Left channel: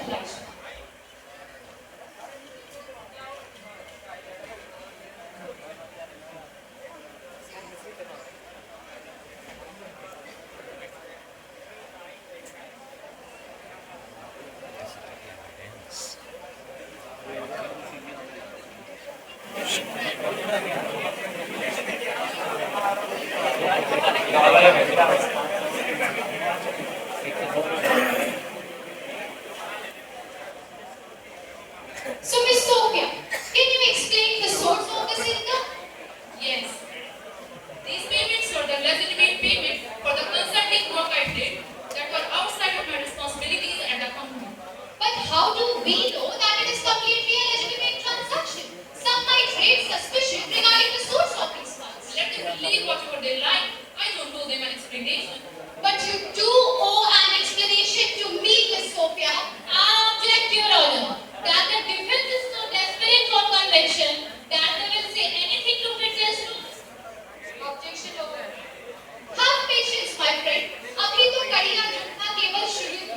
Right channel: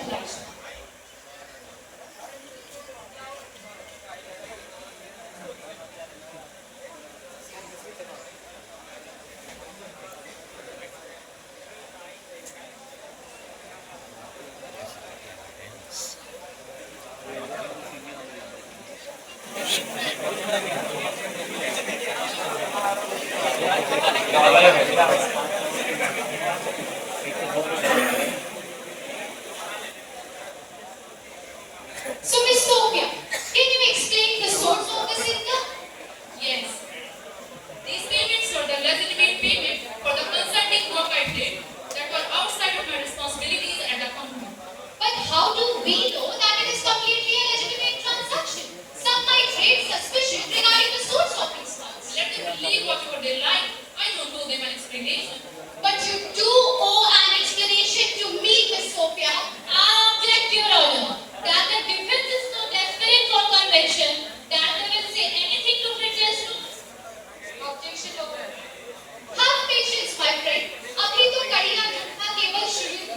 Sophia. So, Miss Sophia, can you explain the source of this income? Yes, these payments were the legitimate payment for the consulting work I did that were outside of my responsibilities at the company. But how do we know that it is completely a legitimate transaction? Some might raise suspicion regarding the source of these funds. Let them believe whatever they like. I don't owe them an explanation. But you do owe an explanation to me, Miss Sophia. I object, Your Honor, that the defense is so desperate for conviction that they will say anything to fit their suits. Objection over. Have patience, my friend. अभी तो कड़ियाँ जुटना केवल शुरू हुआ।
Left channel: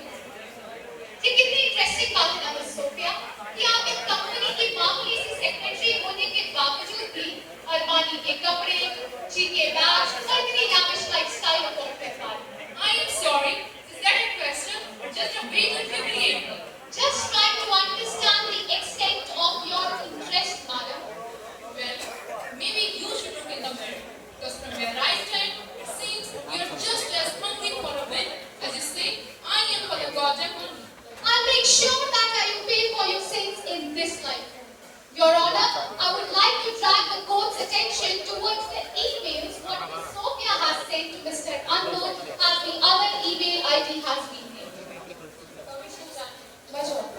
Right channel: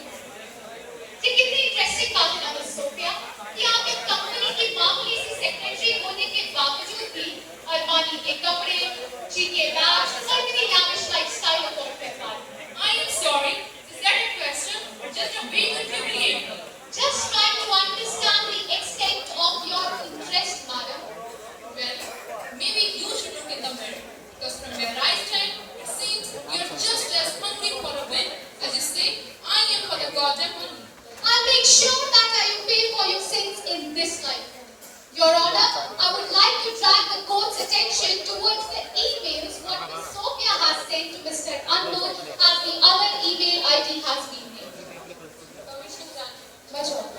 ये कितनी इंटरेस्टिंग बात है ना मिस सोफिया कि आप एक कंपनी की मामूली सी सेक्रेटरी होने के बावजूद भी अरमानी के कपड़े, चीके बैग और इतनी lavish lifestyle अफोर्ड कर पा रहे हैं। I am sorry. Is that a question or just a way to humiliate me? Just trying to understand the extent of your interest, madam. Well, maybe you should look in the mirror because from where I stand, it seems you're just as hungry for a win as you say I am for the goddamn money. I'll make sure that you pay for your sins in this life. Your Honor, I would like to drag the court's attention towards the emails what Miss Sophia has sent to Mr. Unknown as the other email ID has been named. Permission granted. Bajwa.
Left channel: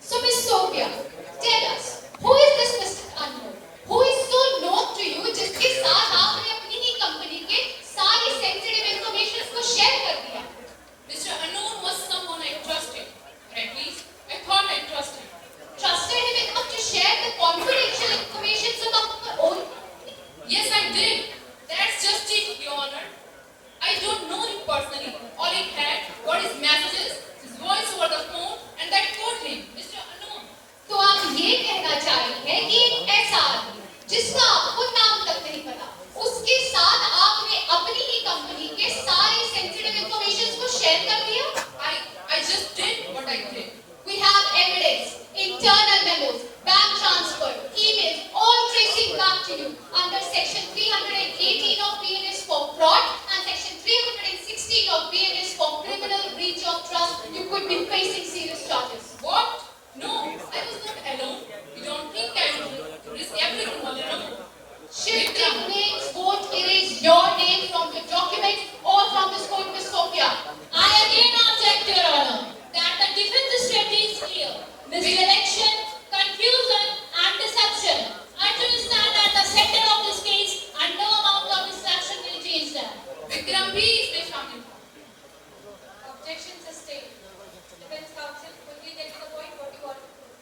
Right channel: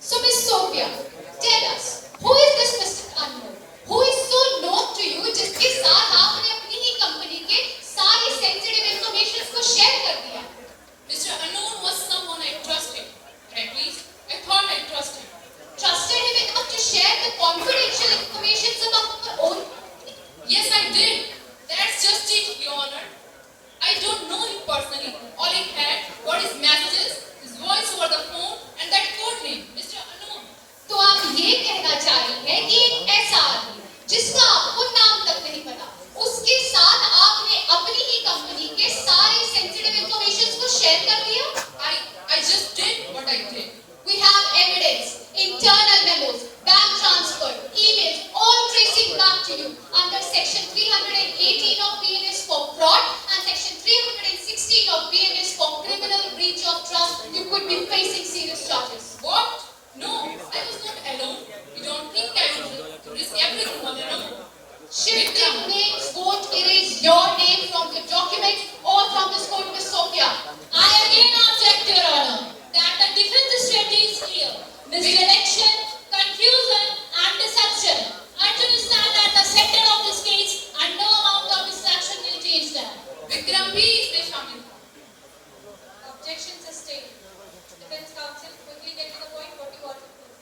So, Miss Sophia, tell us, who is this Mr. Unknown? Who is so known to you जिसके साथ आपने अपनी ही कंपनी के सारी sensitive information को share कर दिया? Mr. Unknown was someone I trusted, or at least I thought I trusted. Trusted him enough to share the confidential information about your own company? Yes, I did. That's just it, Your Honor. I don't know him personally. All I had were his messages, his voice over the phone, and that code name, Mr. Unknown. तो आप ये कहना चाह रही हैं कि एक ऐसा आदमी जिसका आपको नाम तक नहीं पता, उसके साथ आपने अपनी ही कंपनी के सारे सेंसिटिव इंफॉर्मेशन को शेयर कर दिया? I just did what I did. We have evidence, internal memos, bank transfer, emails, all tracing back to you under section 318 of BNS for fraud and section 316 of BNS for criminal breach of trust. You could be facing serious charges. What? No, I was not alone. You don't think I would risk everything all alone? Shifting names won't erase your name from the document or from this court, Miss Sophia. I again object, Your Honor, that the defense strategy is clear. Misdirection, confusion, and deception. I understand at the center of this case, and no amount of distraction will change that. Vikram bhi isme shamil tha. Objection sustained. Defense counsel, quickly get to the point. What do you want to prove?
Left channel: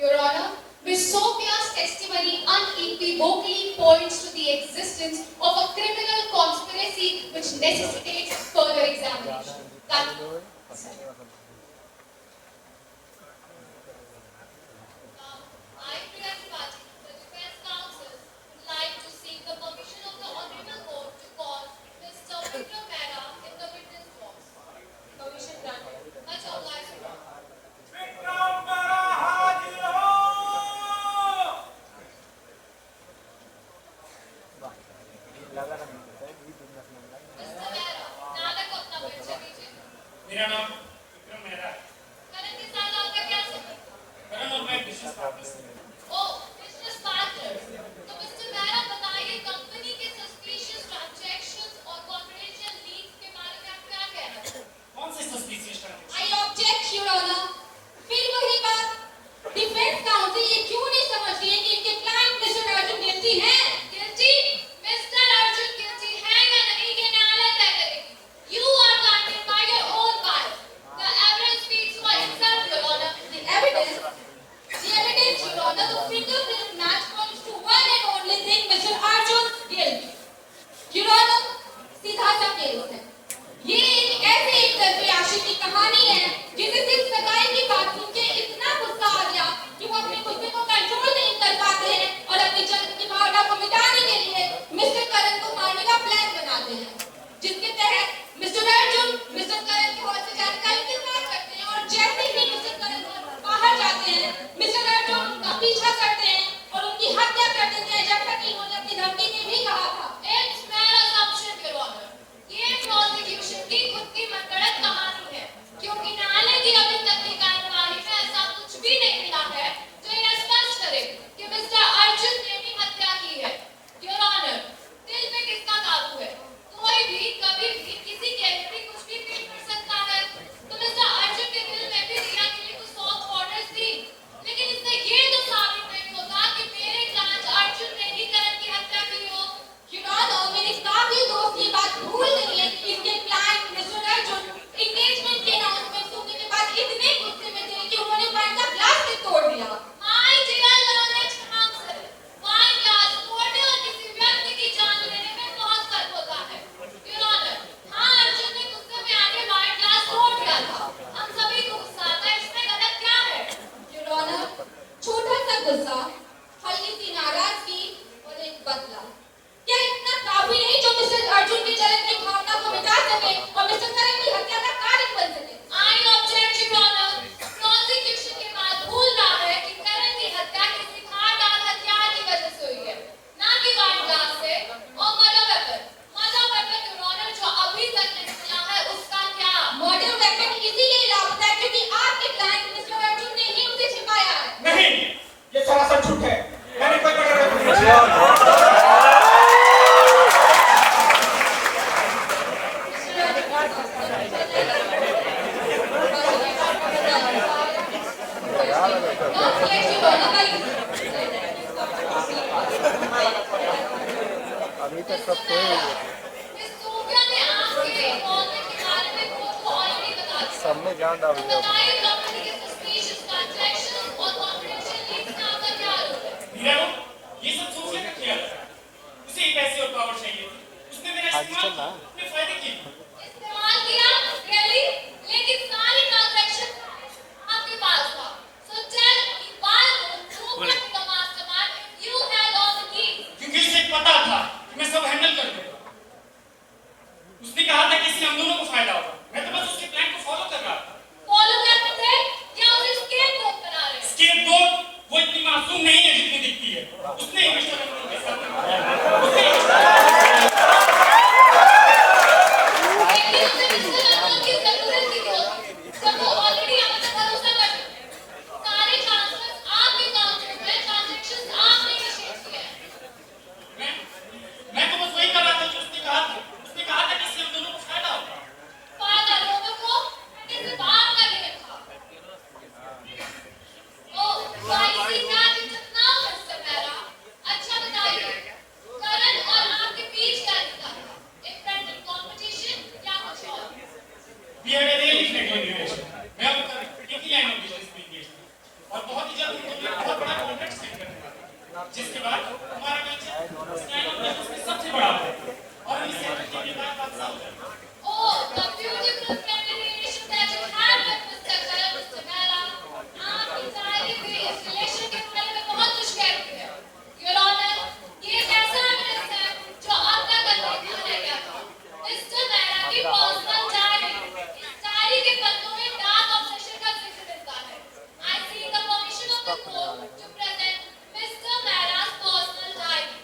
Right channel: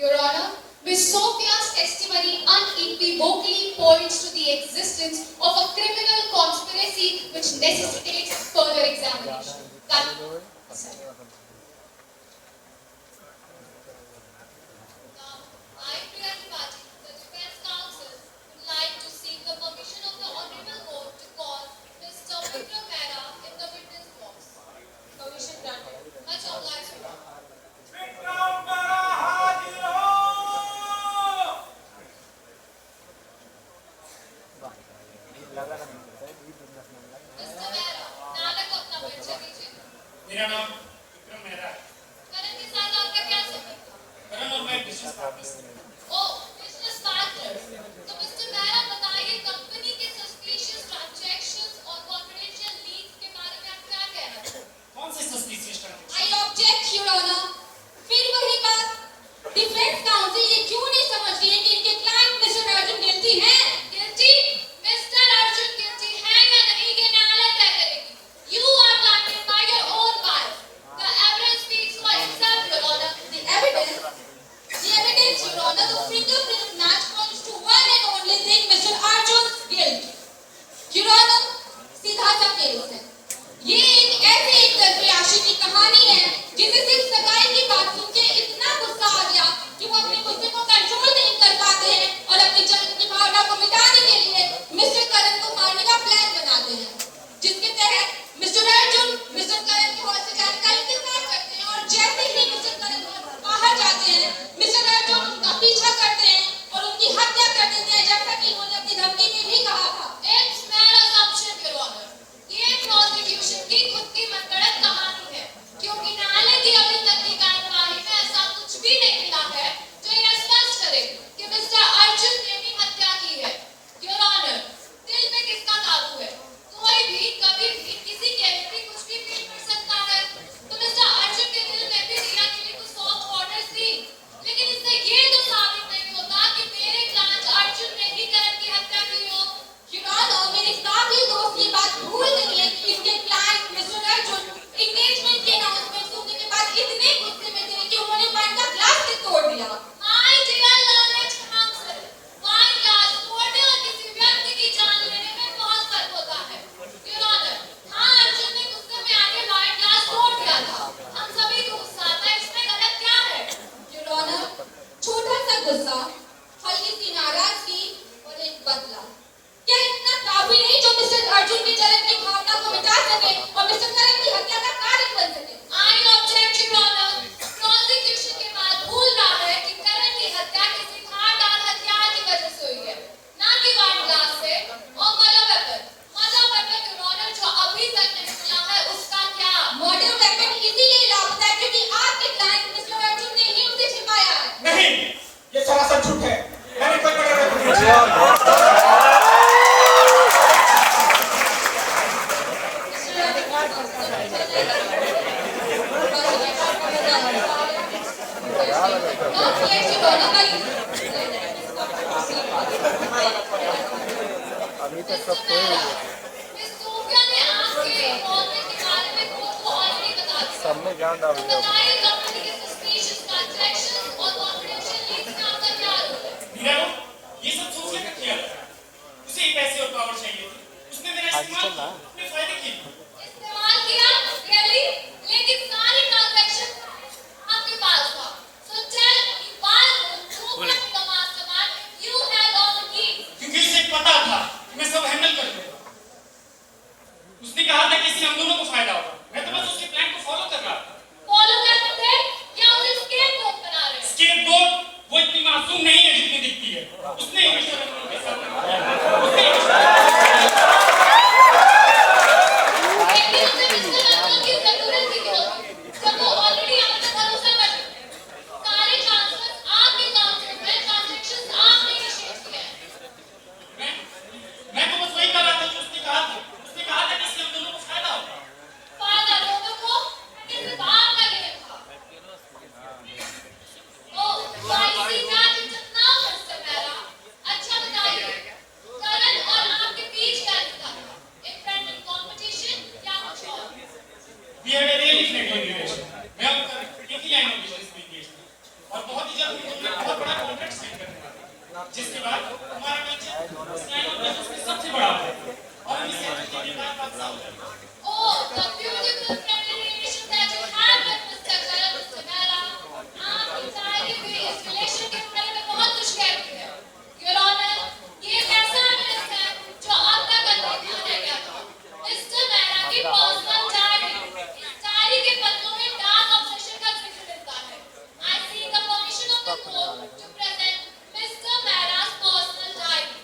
Your Honor, Miss Sophia's testimony unequivocally points to the existence of a criminal conspiracy which necessitates further examination. I, Pirani Paji, the defense counsel, would like to seek the permission of the Honorable Court to call Mr. Vikram Mehra in the witness box. Permission granted. Much obliged, Your Honor. Mr. Mehra, अभी तक सब सोए हुए हैं। Miss Sophia ने आपके इन्वॉल्वमेंट के बारे में खुद को ऑलरेडी बता दिया। सब में जान डाल तो दिया। बताइए कंपनी के सस्पिशियस ट्रांजैक्शंस और कॉन्फिडेंशियल लीड्स का आपका क्या रोल है? हीरा, ये सब सोफिया का किया था। उसे ही पैसे और पावर चाहिए थी। उसने मेरा इस्तेमाल अपने फायदे के लिए। इस्तेमाल किया रियली, लेकिन सारी ट्रांजैक्शन आपके पास था। So tell me why would you become the mastermind if you had all the keys? क्योंकि उसे पता था कि मैं सब हैंडल कर लूंगा। उसने कहा था कि इससे हम दोनों को फायदा होगा। मैं तो बस उसके प्लान को फॉलो कर रहा था। फॉलो करते थे या उसे स्केपगोट बना रहे? स्केपगोट वो इतनी मासूम नहीं है जितनी दिखती है। उसने ही मिस्टर अमन के साथ उसने लेकिन उसे मिस्टर अमन की जरूरत ही क्यों थी? जब वो ऑलरेडी आप पे भरोसा करते थे। सारे ट्रांसफर्स आपके अकाउंट में हुए, ट्रांजैक्शंस आपने इनिशिएट किए हैं। मैं तो बस वही कर रहा था जो उसने कहा था। उसने कहा था कि इससे हम दोनों को फायदा होगा। फायदा लोगों को कि सिर्फ आपका गेम था। ओह, so I see that it is now Mr. Mehra. अच्छा बताइए, करण और आपके बीच क्या रिश्ता था? एक फ्रेंडली कंपटीशन या कुछ और? We had a really friendly relation. मैं और करण एक ही लाइन ऑफ बिजनेस में engaged थे। और बहुत ही जल्द हम लोग बहुत बड़ा कॉन्ट्रैक्ट साइन करने वाले थे। जिसके बाद हमारा वेंचर इस लाइन ऑफ बिजनेस में सबसे बड़ा था। और हम इसे हैंडल करने के बाद बादशाह हो जाएंगे। Oh, the beautiful friendly relation that you had with Mr. Karan, Mr. Mehra. आपकी शायरी भी इस relation के बारे में बहुत कुछ कहती है। Your Honor, ये एक ऐसा evidence है जो अब तक अनदेखा रह गया था। Mr. Mehra की personal diary। इस diary के पन्नों में dark obsession का जिक्र मिलता है। I seek the permission of the court to present Mr. Mehra's personal diary.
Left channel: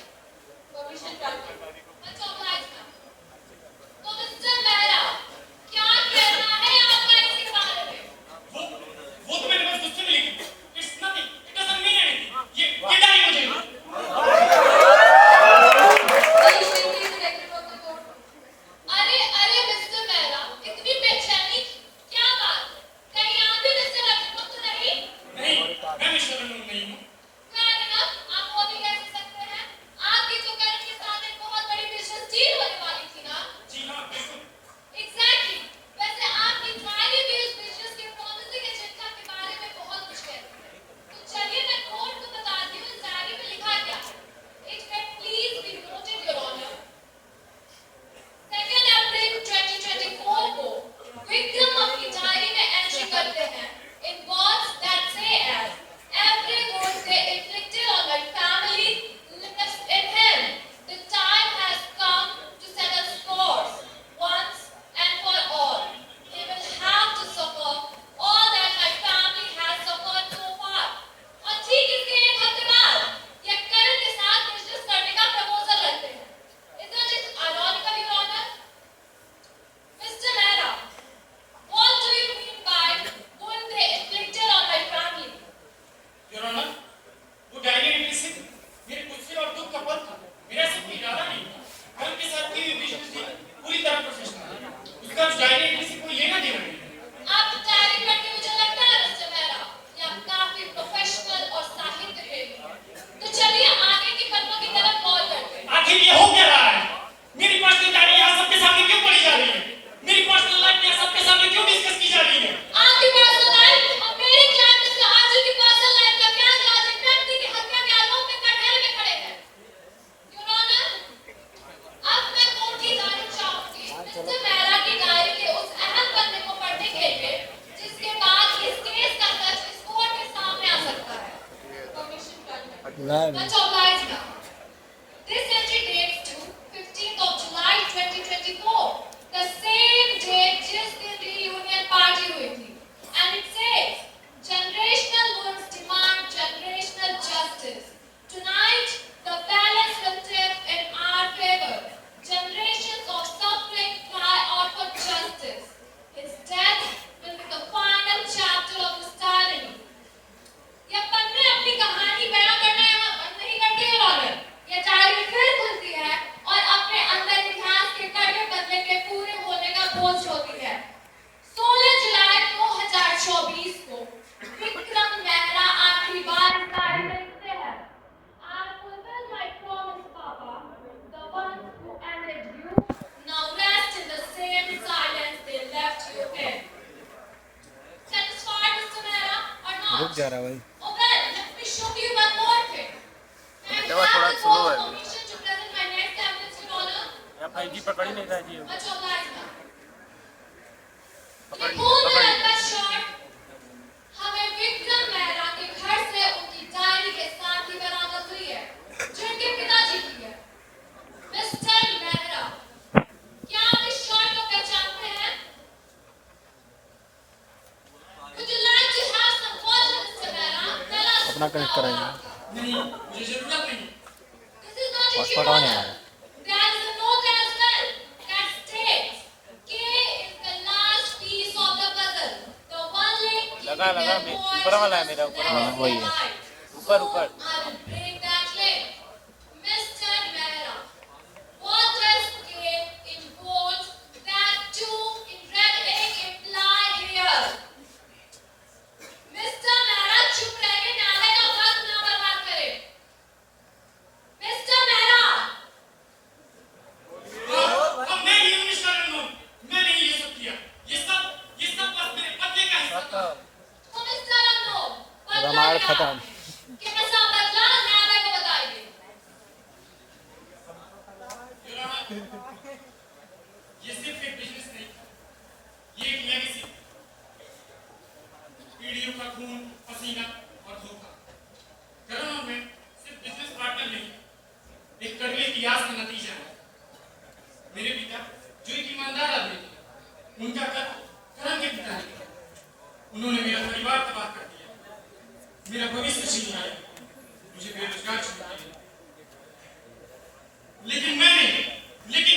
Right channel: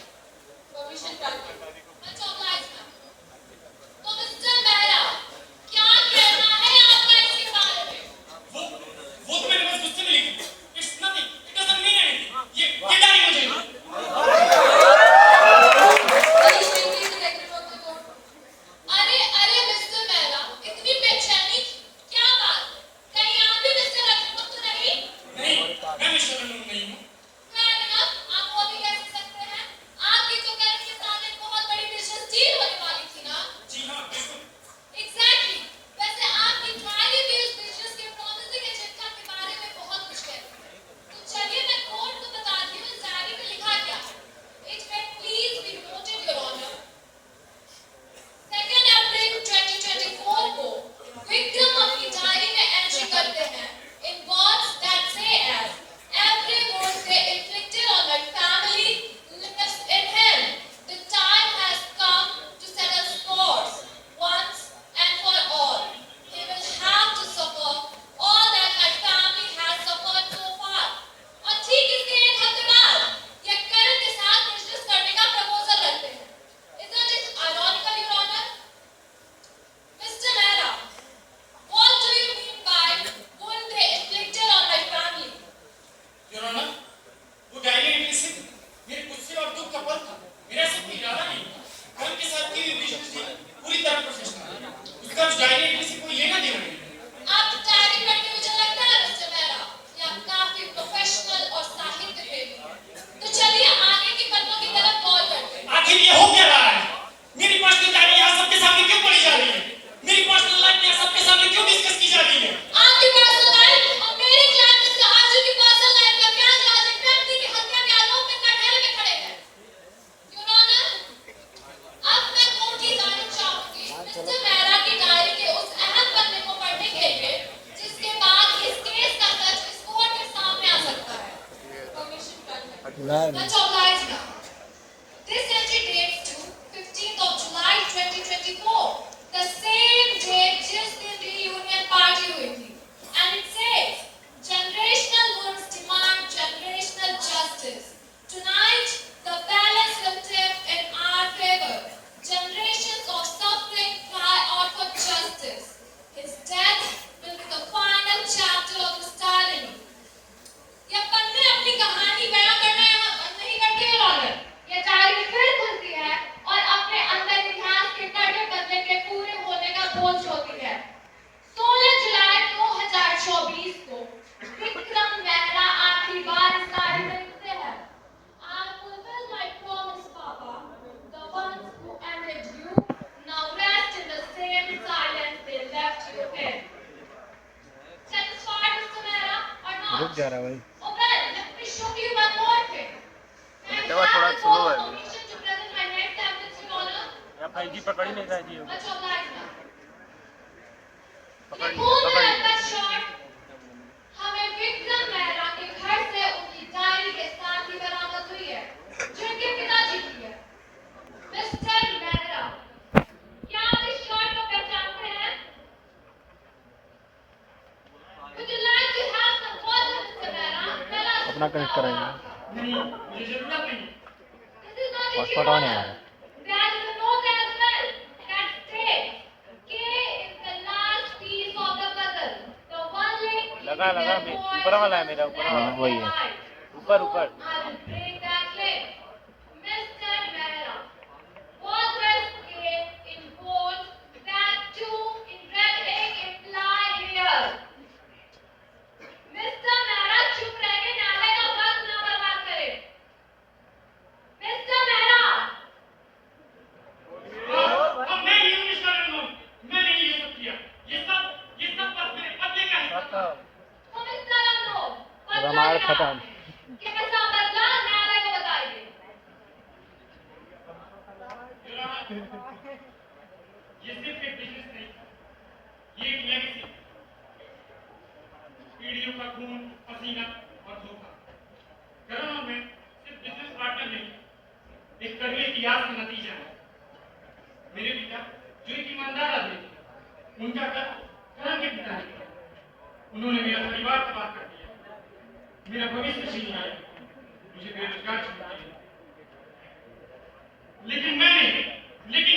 Permission granted. Much obliged, ma'am. तो मिस्टर मेहरा, क्या कहना है आपका इसके बारे में? वो तो मैंने बस गुस्से में लिखी। It's nothing. It doesn't mean anything. ये डायरी मुझे दो। Punishment please be taken from the court. अरे मिस्टर मेहरा, इतनी बेचैनी क्या बात? कहीं आप भी मिस्टर अजनब तो नहीं? नहीं, मैं मिस्टर अमन नहीं हूँ। Fair enough, आप वो भी कह सकते हैं। आपकी तो करण के साथ एक बहुत बड़ी बिजनेस डील होने वाली थी ना? जी हाँ, बिल्कुल। Exactly. वैसे आपकी डायरी भी उस बिजनेस के promising agenda के बारे में बहुत कुछ कहती है। तो चलिए मैं कोर्ट को बताती हूँ इस डायरी में लिखा क्या है। It may please be noted, Your Honor. 2 अप्रैल 2024 को विक्रम अपनी डायरी में एंट्री करते हैं in words that say as every word they inflicted on my family left in him. The time has come to settle scores once and for all. He will have to suffer all that my family has suffered so far. और ठीक इसके एक हफ्ते बाद ये करण के साथ बिजनेस करने का प्रपोजल रखते हैं। Isn't it ironical, Your Honor? Mr. Mehra, what do you mean by wound they inflicted on my family? Your Honor, वो डायरी एंट्री से मेरे गुस्से और दुख का पल था। मेरा सिर्फ इरादा नहीं था। करण के साथ की हुई बिजनेस डील पूरी तरह प्रोफेशनल है। उसका उस डायरी एंट्री से कोई लेना देना नहीं। आप डायरी पढ़ के मुझे लगता है मिस्टर मेहरा कि आप काफी प्रोफेशनल और साहित्य प्रेमी हैं। तो चलिए आगे की पन्नों की तरफ गौर करते हैं। आखिर ये हो क्या रहा है? मेरी पर्सनल डायरी यहाँ सबके सामने क्यों पढ़ी जा रही है? मेरी पर्सनल लाइफ यहाँ सबके सामने क्यों डिस्कस की जा रही है? आपकी पर्सनल लाइफ और मेरे क्लाइंट मिस्टर आजू की पर्सनल लाइफ का क्या राज एक व्यक्ति की हत्या के आरोप में कटहरे में खड़े हैं। Your Honor, अब मैं कोर्ट की जानिब चाहूंगी मिस्टर मेहरा की डायरी के उस अहम पन्ने को पढ़ने के लिए जिसके बाद इस केस का सच इस कोर्ट के सामने आ सकता है। Permission granted. नहीं Much obliged, ma'am. This entry dates to 15th of July 2024, the same date जिस दिन reunion party हुई थी. And it says, generational wounds demand generational justice. Tonight, the balance will tip in our favor. Generations of suffering cry out for justice. His death will be the final chapter of his tyranny. ये पन्ने अपनी कहानी बयां करना यहाँ बंद नहीं कह रहा है भाई। Oh well, let me show you one more thing. Can I have the court permission to present my next evidence, Your Honor? Much obliged, ma'am. In a cool का शॉट हमें विक्रम मेहरा के घर से उनकी डायरी के साथ ही बरामद हुई है, जो इनके पिताजी की है। मिस्टर मेहरा, क्या आप इस शॉट को पहचानते हैं? Would you like to have some water, Mr. Mehra? Tell us अपना कनेक्ट कराएंगे। नहीं, मुझे जरूरत नहीं। This is not it, Your Honor. There is a note as well that states K is the last piece of the puzzle. The one link keeping लगा, their मैं- boys ऊपर वाला है मेरा, ऊपर वाला, legacy वही है। alive. ऊपर, Soon ऊपर। I will break that link. Mr. Mehra, what does K in bold that two in red ink imply here? Mr. Mehra, चुप रहिए, न्यायालय का वक्त ना बर्बाद करें। Mr. Mehra, अब मैं नहीं हूँ मिस्टर रंगून, मैंने ये सब किया। ये सब बस मेरे बदले का हिस्सा था। तो मिस्टर रंगो, बदला रामायण क्या? खत्म। कैसा बदला न्यायालय को बताइए। Your Honor, ये सिर्फ एक बिजनेस नहीं, ये एक लेगेसी। पीढ़ियों का खून, पसीना और धोखा। करण और मैं सिर्फ बिजनेस पार्टनर नहीं, एक कड़वे इतिहास का नतीजा है। मेरे पिता जो एक ईमानदार आदमी थे, उनका करण के पिता ने उन्होंने मेरा परिवार तबाह कर दिया, मेरा भविष्य छीन लिया, मुझे बेरोजगार छोड़ दिया। लेकिन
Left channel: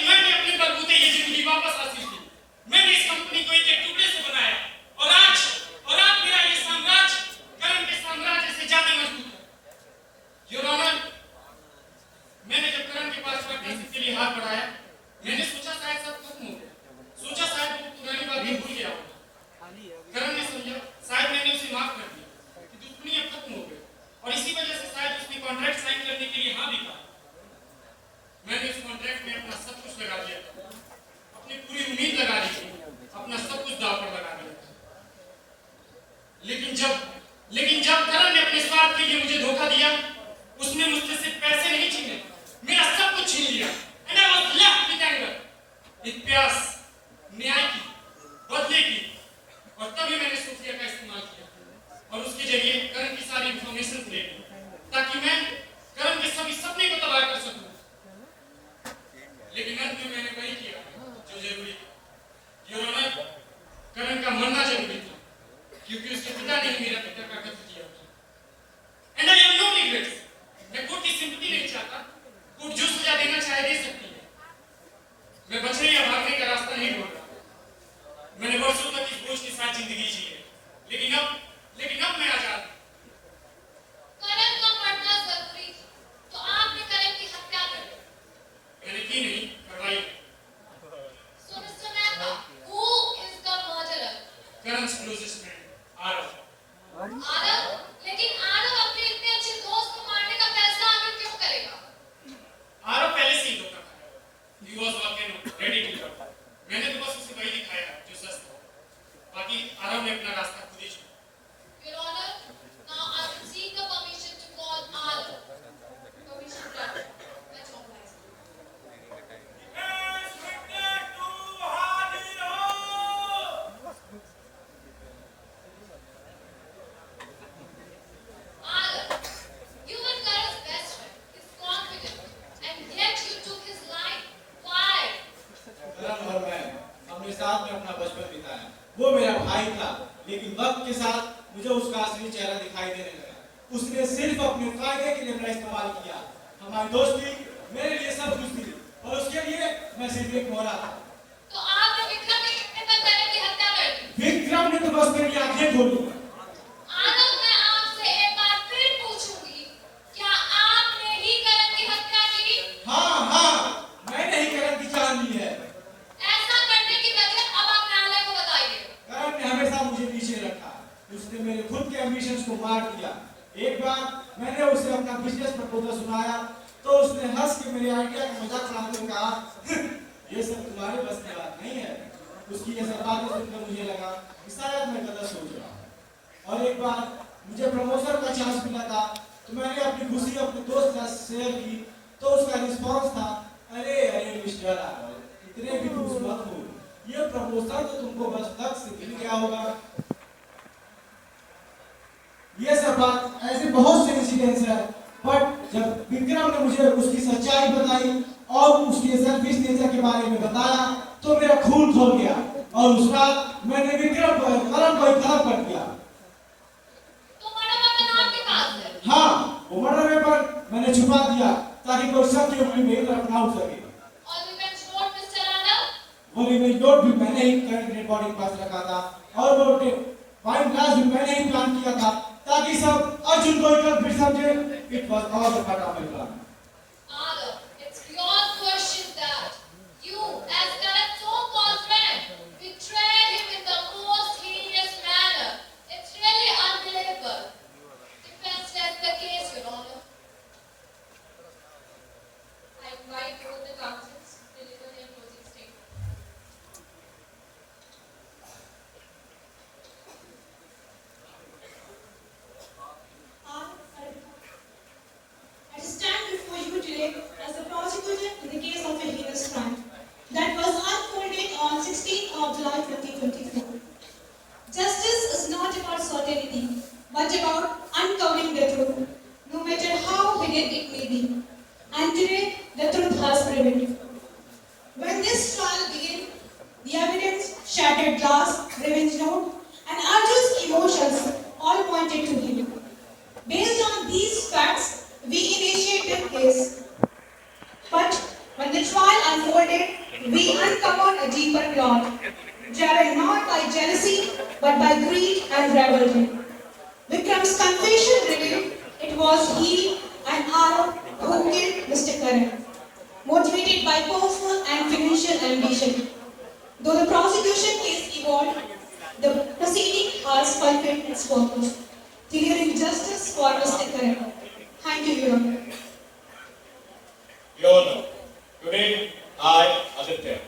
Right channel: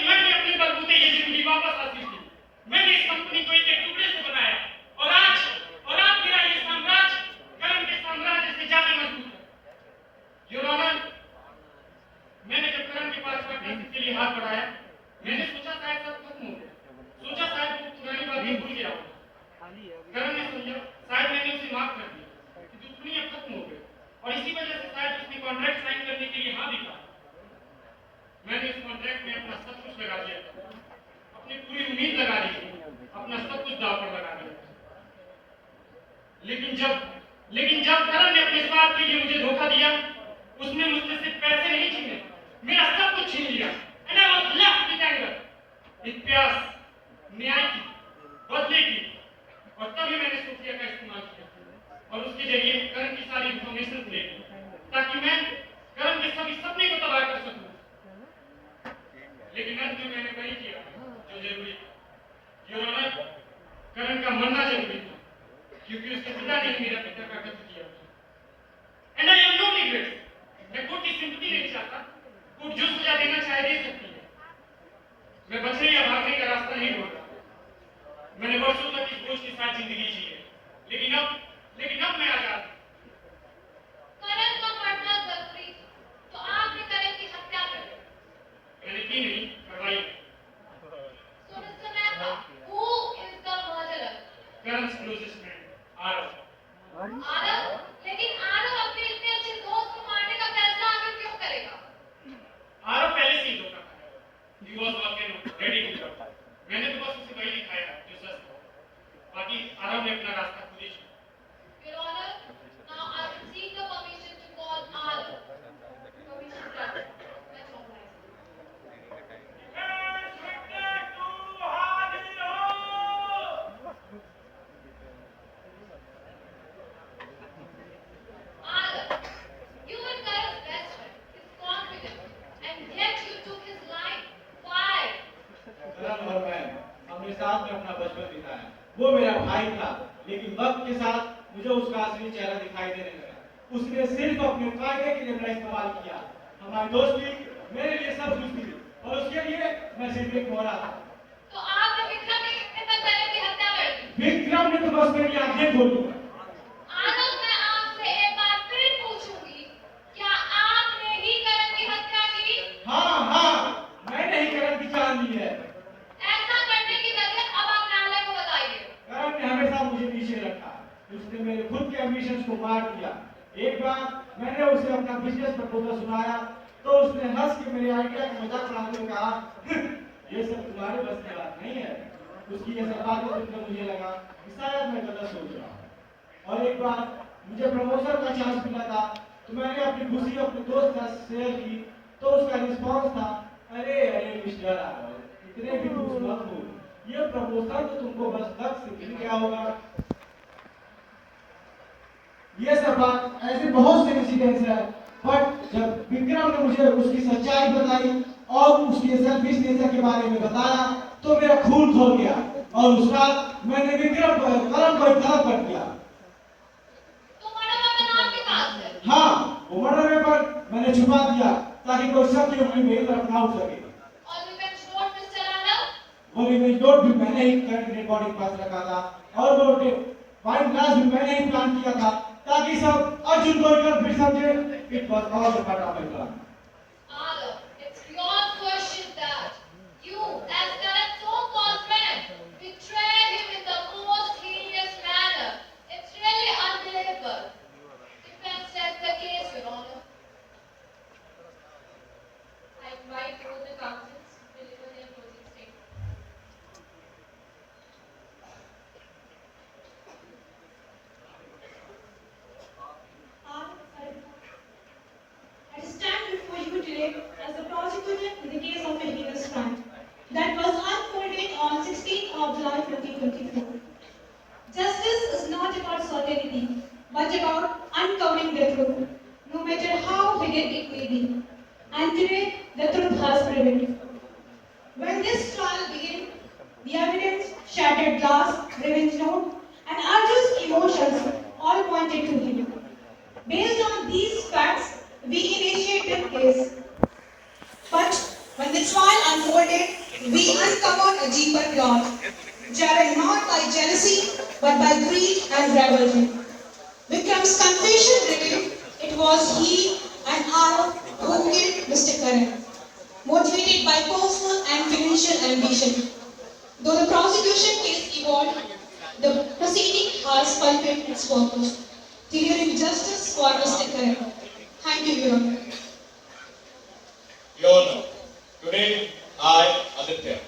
मैंने अपने बलबूते ये जिंदगी वापस हासिल की। मैंने इस कंपनी को एक टुकड़े से बनाया और आज मेरा ये साम्राज्य करण के साम्राज्य से ज्यादा मजबूत है। योर ऑनर, मैंने जब करण के पास पार्टनरशिप के लिए हाथ बढ़ाया, मैंने सोचा शायद सब खत्म हो गया, सोचा शायद वो पुरानी बातें भूल गया होगा। करण ने समझा शायद मैंने उसे माफ कर दिया कि दुश्मनी अब खत्म हो गई, और इसी वजह से शायद उसने कॉन्ट्रैक्ट साइन करने के लिए हाँ भी कहा। मैंने इस कॉन्ट्रैक्ट में अपना सब कुछ लगा दिया, अपनी पूरी उम्मीद लगा दी, अपना सब कुछ दांव पर लगा दिया। लेकिन जब करण ने अपने स्वार्थ के लिए मुझे धोखा दिया, उसने मुझसे सिर्फ पैसे नहीं छीने, मेरा सब कुछ छीन लिया। And I was left with anger, एक प्यास न्याय की, बदले की, और तभी मैंने सोफिया का इस्तेमाल किया और उसके जरिए करण की सारी इंफॉर्मेशन ले ली, ताकि मैं करण के सभी सपने को तबाह कर सकूं। लेकिन अंत में मैंने वही किया जो जरूरी था। योर ऑनर, करण का मरना जरूरी था, क्योंकि उसके पिता ने ही मेरा पिता का कत्ल किया। And I have no regrets. मैं कोर्ट की सिंपैथी नहीं चाहता, कोर्ट जो सजा देना चाहे दे सकती है। मैं बचने या भागने का रास्ता नहीं ढूंढ रहा। मैंने वर्षों तक इस बोझ के साथ जिंदगी जी है, लेकिन अब मैं आजाद हूं। करण का मरना जरूरी था, तो आपने करण की हत्या कर दी। मैंने की नहीं, करवाई। So Mr. Mehta, who is the murderer? करण's closest friend, आरव। आरव? लेकिन आरव अपने इतने अच्छे दोस्त को मारने का फैसला आखिर क्यों करेगा? आरव पहले से ही धोखा खाया। He was walking ready to go. मैंने तो बस उसे वही दिखाया जो सच था। बाकी आरव ने अपना रास्ता खुद ही चुना। Your Honor, now I will seek the permission to call Arav. Permission granted. Much obliged. Arav, you were Karan's best friend, his confidant, and yet you took his life. Why? करण और मैं हमने साथ में अपना बचपन बिताया। वो मेरा भाई था, लेकिन वक्त के साथ मुझे उसका असली चेहरा दिखाई देने लगा। उसने सिर्फ अपने फायदे के लिए मेरा इस्तेमाल किया। हमारी दोस्ती मेरे लिए सब कुछ थी, और उसके लिए मैं सिर्फ एक मोहरा था। तो आपने विक्रम के कहने पर करण की हत्या कर दी। विक्रम ने तो बस मेरी आंखें खोली। आरव, मैं आपसे एक बार फिर पूछूंगी, क्या आपने ही करण की हत्या की? हाँ, मैंने ही करण की जान ली है। ऐसा करने की वजह अब आप न्यायालय को बताइए। करण ने हमेशा मुझे पीछे रखा। उसने मेरे खुद के एम्बिशंस को मार दिया। एक बार मैंने उसे अपना बिजनेस प्रपोजल सुनाया, तो उसने हंस के मेरे आइडिया का मजाक उड़ाते हुए कहा, ये सब तुम्हारे बस की बात नहीं है। उसकी ये सब बातें सुनकर मुझे लगा कि शायद मैं गलत सोच रहा हूँ। और एक बार मुझे प्रमोशन का चांस मिला था, तो मैंने अपनी खुशी अपने दोस्त का शेयर की, तो उसका रिस्पांस था, अरे अरे मिस्टर रावल, इतने भी खुश मत हो, ये प्रमोशन तो तुमको बस तक से मिल गया होगा। ये सब बात ऐसे बहुत से इंसिडेंट्स है, बट जब विक्रम ने मुझे उसकी सच्चाई बताई और उसके सेल्फिश नेचर के बारे में बताया, तो मेरा खून खौल गया और उस रात मैंने विक्रम को कलम कर दिया। तो मैडम आपका नाम के कहां से? हाँ, वो मर्डर पेपर मैंने छुपा दिया ताकि कोई शक की उंगली मेरी तरफ ना उठ सके। और रिवेंज नोट मिस्टर आनंद? वो रिवेंज नोट भी मैंने ही करंट रिकॉर्डिंग पास रखा था और वो वाइन ग्लास भी मैंने ही प्लान किया था ताकि सब अर्जुन को इधर फिर समझे। It was all a part of my plan. Anand, it's beyond question that you, as Karan's so-called friend, betrayed him in the most heinous manner. It's really unbelievable. Defense rests the case, Your Honor. I invite both the counsels to deliver their closing statement. I stand before you today as the prosecutor in the case of a heinous crime that was unfolded on 16th of July 2024. Justice is not about certainty, but about uncovering the truth, no matter how hidden it may be. And today, the truth has prevailed. When this trial began, the evidence, shattered glass, revenge note, and Arjun's emotions all pointed to him. Based on these facts, we initiated the case. But when the trial unfolded, we uncovered a deeper plot, driven not by jealousy, but by greed and rivalry. Vikram's confession revealed it was he and Arab who killed Mr. Karan, motivated by personal and financial ambition. Though the prosecution case evolved, the proceeding has fulfilled its purpose, delivering justice for Mr. Karan. Thank you, Your Honor. Your Honor, today I, Aditya,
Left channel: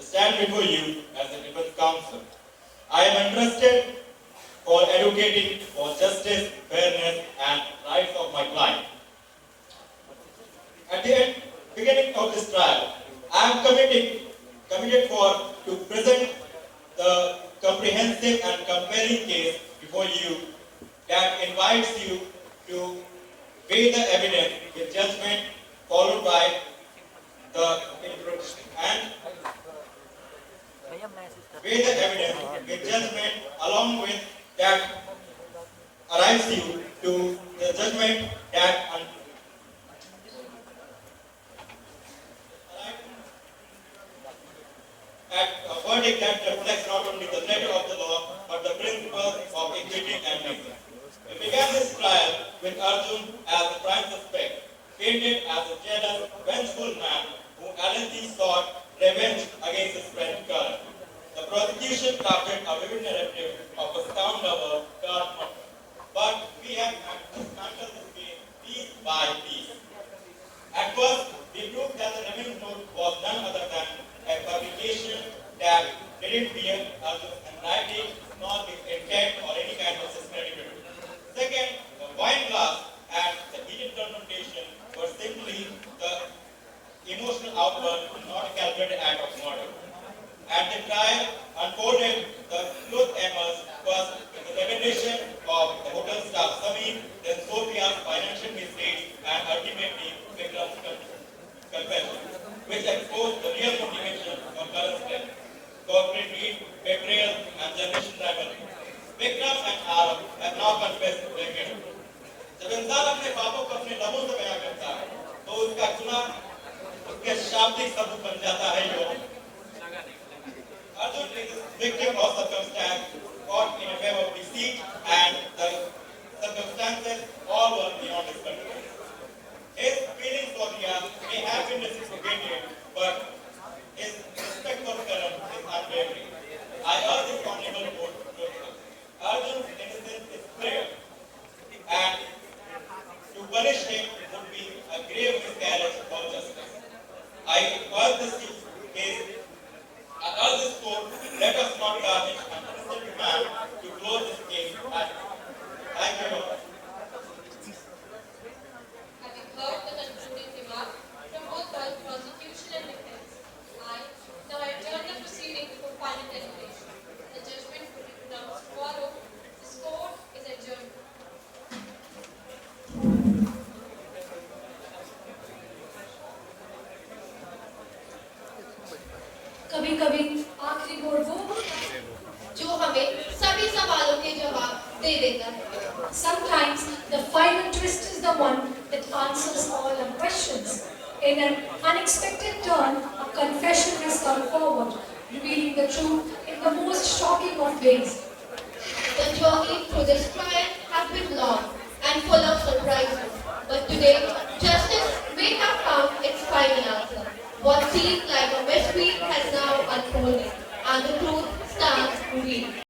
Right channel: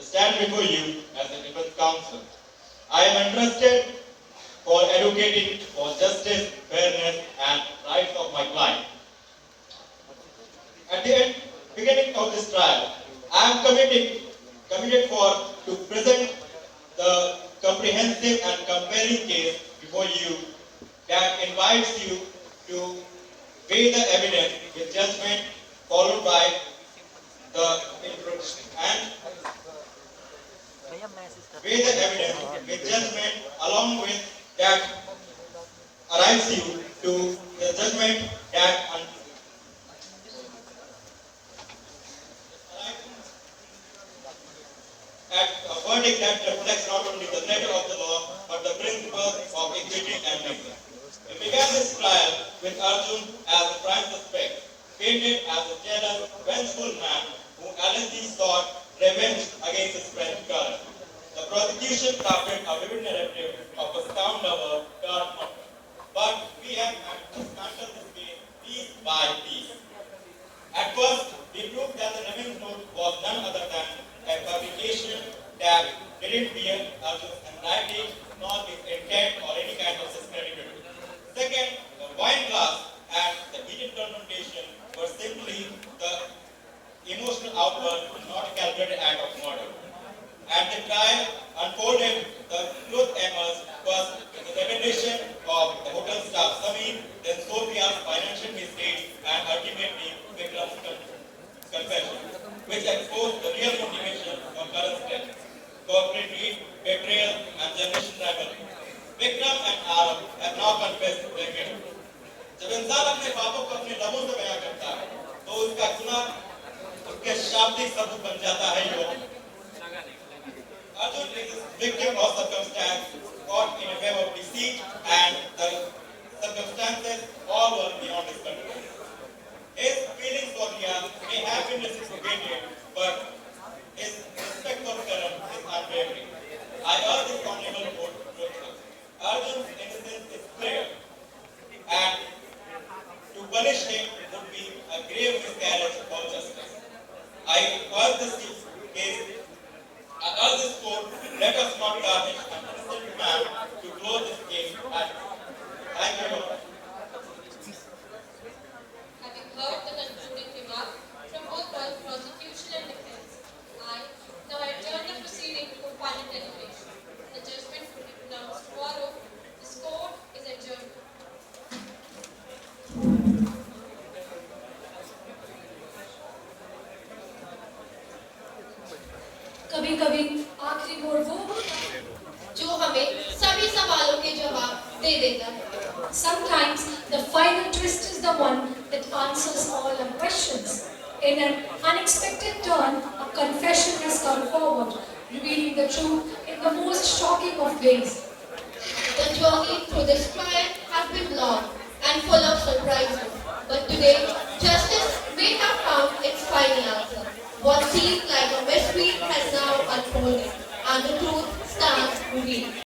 stand before you as the defense counsel. I am entrusted for advocating for justice, fairness, and rights of my client. At the beginning of this trial, I am committed to present the comprehensive and compelling case before you that invites you to weigh the evidence in judgment, followed by the introduction and weigh the evidence with judgment, along with that arrives you to the judgment that a verdict that reflects not only the letter of the law but the principles of equity and reason. We began this trial with Arjun as the prime suspect, painted as a jealous, vengeful man who allegedly sought revenge against his friend Karan. The prosecution crafted a vivid narrative of a sound lover, Karan murder. But we have handled this case piece by piece. At first, we proved that the revenge note was none other than a fabrication that didn't bear Arjun's handwriting nor his intent or any kind of systematic review. Second, the wine glass and the heated confrontation were simply the emotional outburst, not a calculated act of murder. At the trial unfolded, the truth emerged first with the revelation of the hotel staff Sameer, then Sophia's financial misdeeds, and ultimately Vikram's confession, which exposed the real motivation of Karan's death: corporate greed, betrayal, and generation rivalry. Vikram and Arab have now confessed their guilt. जब इंसान अपने पापों को अपने लबों से बयां करता है, तो उसका गुनाह उसके शाब्दिक शब्द बन जाता है योग। Arjun is a victim of circumstance caught in a web of deceit, and the circumstances all were beyond his control. His feelings for Riya may have been reciprocated, but his respect for Karan is unwavering. I urge this honorable court to approve. Arjun's innocence is clear, and to punish him would be a grave miscarriage of justice. I urge the कभी कभी आखिरी मोड़ वो जो हमें सभी सवालों के जवाब दे देता है। Sometimes the final twist is the one that answers all our questions. In an unexpected turn, a confession has come forward, revealing the truth in the most shocking of ways. The journey through this trial has been long and full of surprises. But today, justice may have found its final answer. What seemed like a mystery has now unfolded, and the truth stands revealed.